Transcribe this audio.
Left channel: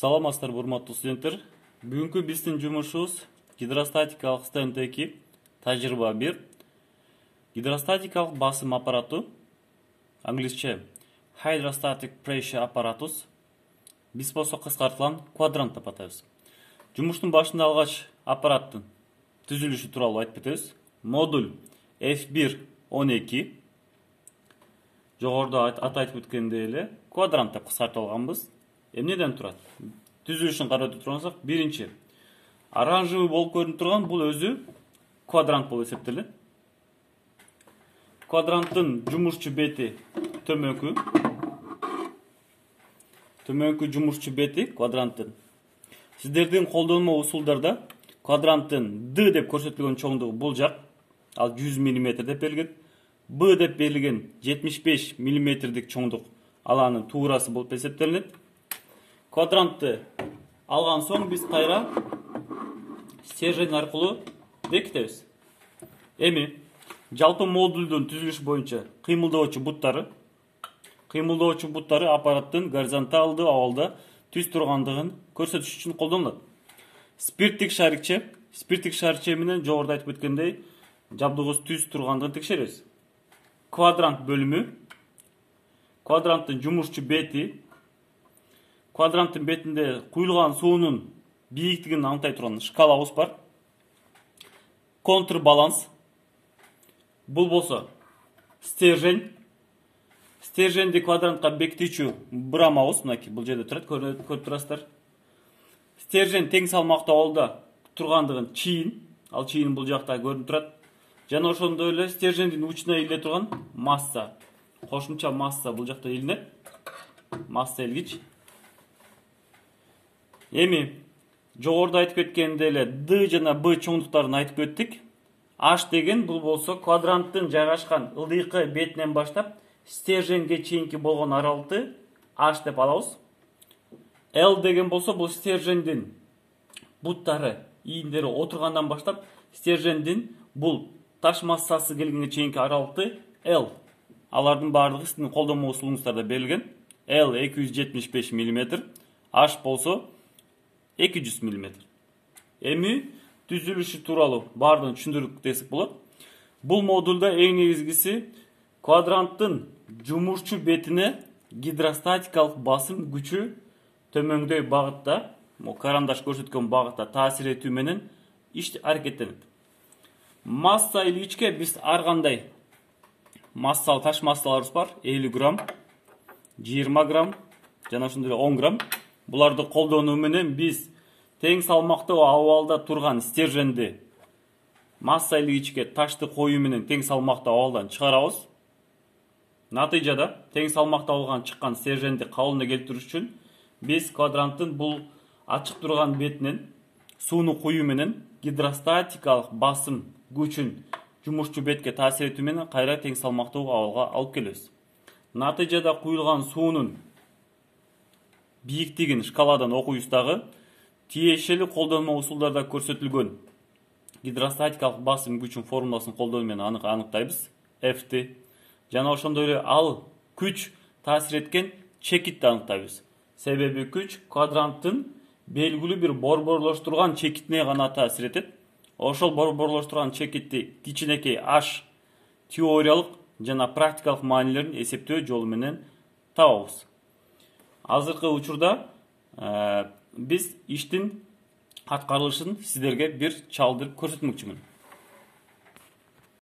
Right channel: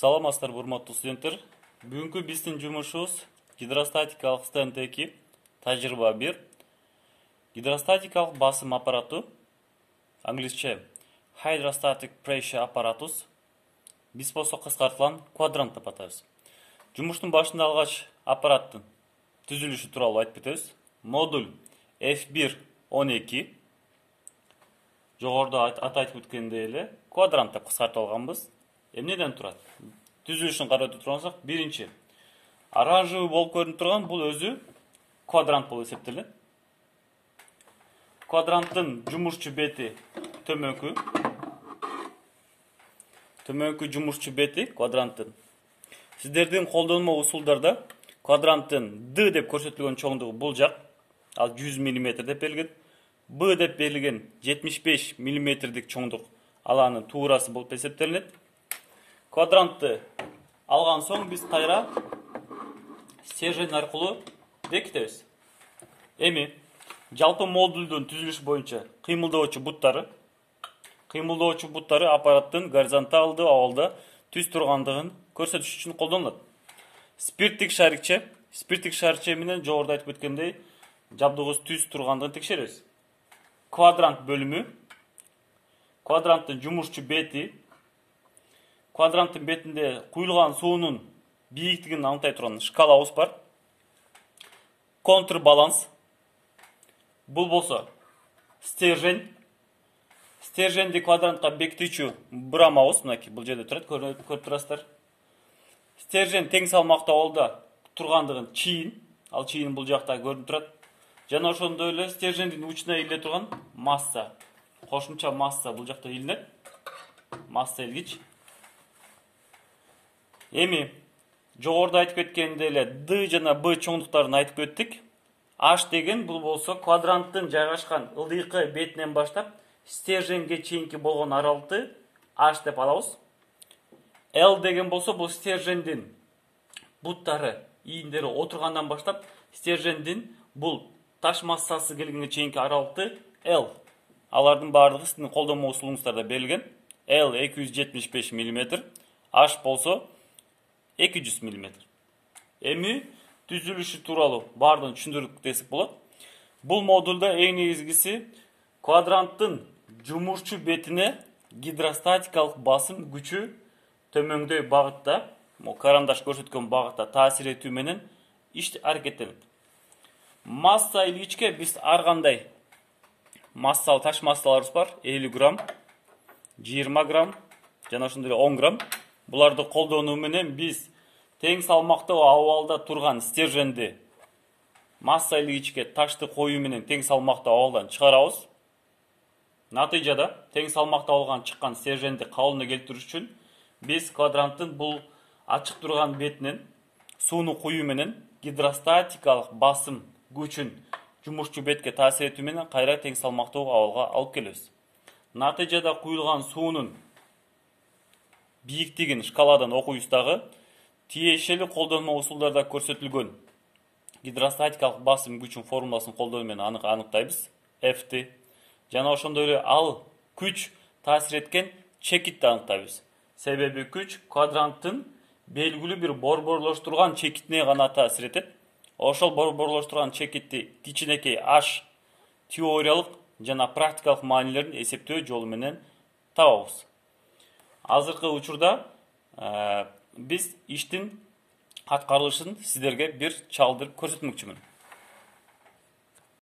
Саламатсыздар, урматтуу студенттер. Бүгүнкү биздин жумушубуз гидростатикалык стенд 2, тажрыйба 1. Гидростатикалык басым аппарату, англисче Hydrostatic Pressure Apparatus, биз болсо кыскартылган квадрант деп атайбыз. Жумуштун башында алгач аппараттын түзүлүшү тууралуу айтып кетебиз. Модуль F1-12, жогоруда айтып өткөндөй эле квадрант деп кыскартып алганбыз. Эмнеден турат? Түзүлүшүн карап турсак, биринчи оранжевый болуп көрүнүп турган бул өзү квадрант болуп эсептелет. Квадранттын жумушчу бети төмөнкү жумушчу бети квадранттын. Сиздердин колдонмо усулдарда квадранттын D деп көрсөтүлгөн чоңдугу бул жак, ал 100 мм деп берилген. B деп берилген 75 мм чоңдук, ал анын туурасы болуп эсептелет. Квадрантты алган соң биз кайра стержень аркылуу бекитебиз. Эми жалпы модулдун түзүлүшү боюнча кыймылдоочу буттары аппараттын горизонталдуу абалда түз тургандыгын көрсөтүш үчүн колдонулат. Спирттик шарикче менен жогоруда айтып өткөндөй жабдыгыбыз түз тургандыгын текшеребиз. Квадрант бөлүмү, квадранттын жумушчу бети, квадранттын бетинде куюлган суунун бийиктигин аныктай турган шкалабыз бар. Контрбаланс, бул болсо стерженди квадрантка бекитүүчү бурамабыз, мынакей бул жерде турат, көрүп турасыздар. Стержень тең салмактуу абалда тургандыгын ал чийин бул жакта көрүнүп турат. Жана ошондой эле стержендин учуна ийиле турган масса, кошумча масса бул жакта ийилет. Масса илгич. Эми жогоруда айтып кеткендей эле D жана B чоңдуктарын айтып өттүк. H деген бул болсо квадранттын жайгашкан ылдыйкы бетинен баштап стерженге чейинки болгон аралыкты H деп алабыз. L деген болсо бул стержендин буттары, ийиндери отургандан баштап стержендин бул таш массасы келгенге чейинки аралыкты L. Алардын баардыгы сиздин колдонмо усулуңуздарда берилген. L 275 мм, H болсо 200 мм. Эми түзүлүшү тууралуу баардыгын түшүндүрүп десек болот. Бул модулда эң негизгиси квадранттын жумушчу бетине гидростатикалык басым күчү төмөндөй багытта, карандаш көрсөткөн багытта таасир этүү менен иш аракеттенет. Масса илгичке биз ар кандай массалуу таш массаларыбыз бар. 50 грамм, 20 грамм жана ошондой эле 10 грамм. Буларды колдонуу менен биз тең салмактуу абалда турган стерженди масса илгичке ташты коюу менен тең салмактуу абалдан чыгарабыз. Натыйжада тең салмактуу абалдан чыккан стерженди калыбына келтирүү үчүн биз квадранттын бул ачык турган бетинен сууну куюу менен гидростатикалык басым күчүн жумушчу бетке таасир этүү менен кайра тең салмактуу абалга алып келебиз. Натыйжада куюлган суунун бийиктигин шкаладан окуйбуз дагы. Тиешелүү колдонмо усулдарда көрсөтүлгөн гидростатикалык басым күчүн формуласын колдонуу менен аныктайбыз. F'ти жана ошондой эле ал күч таасир эткен чекитти аныктайбыз. Себеби күч квадранттын белгилүү бир борборлоштурган чекитине гана таасир этет. Ошол борборлоштурган чекитти кичинекей H теориялык жана практикалык маанилерин эсептөө жолу менен табабыз. Азыркы учурда биз иштин аткарылышын сиздерге бир чалдырып көрсөтмөкчүмүн.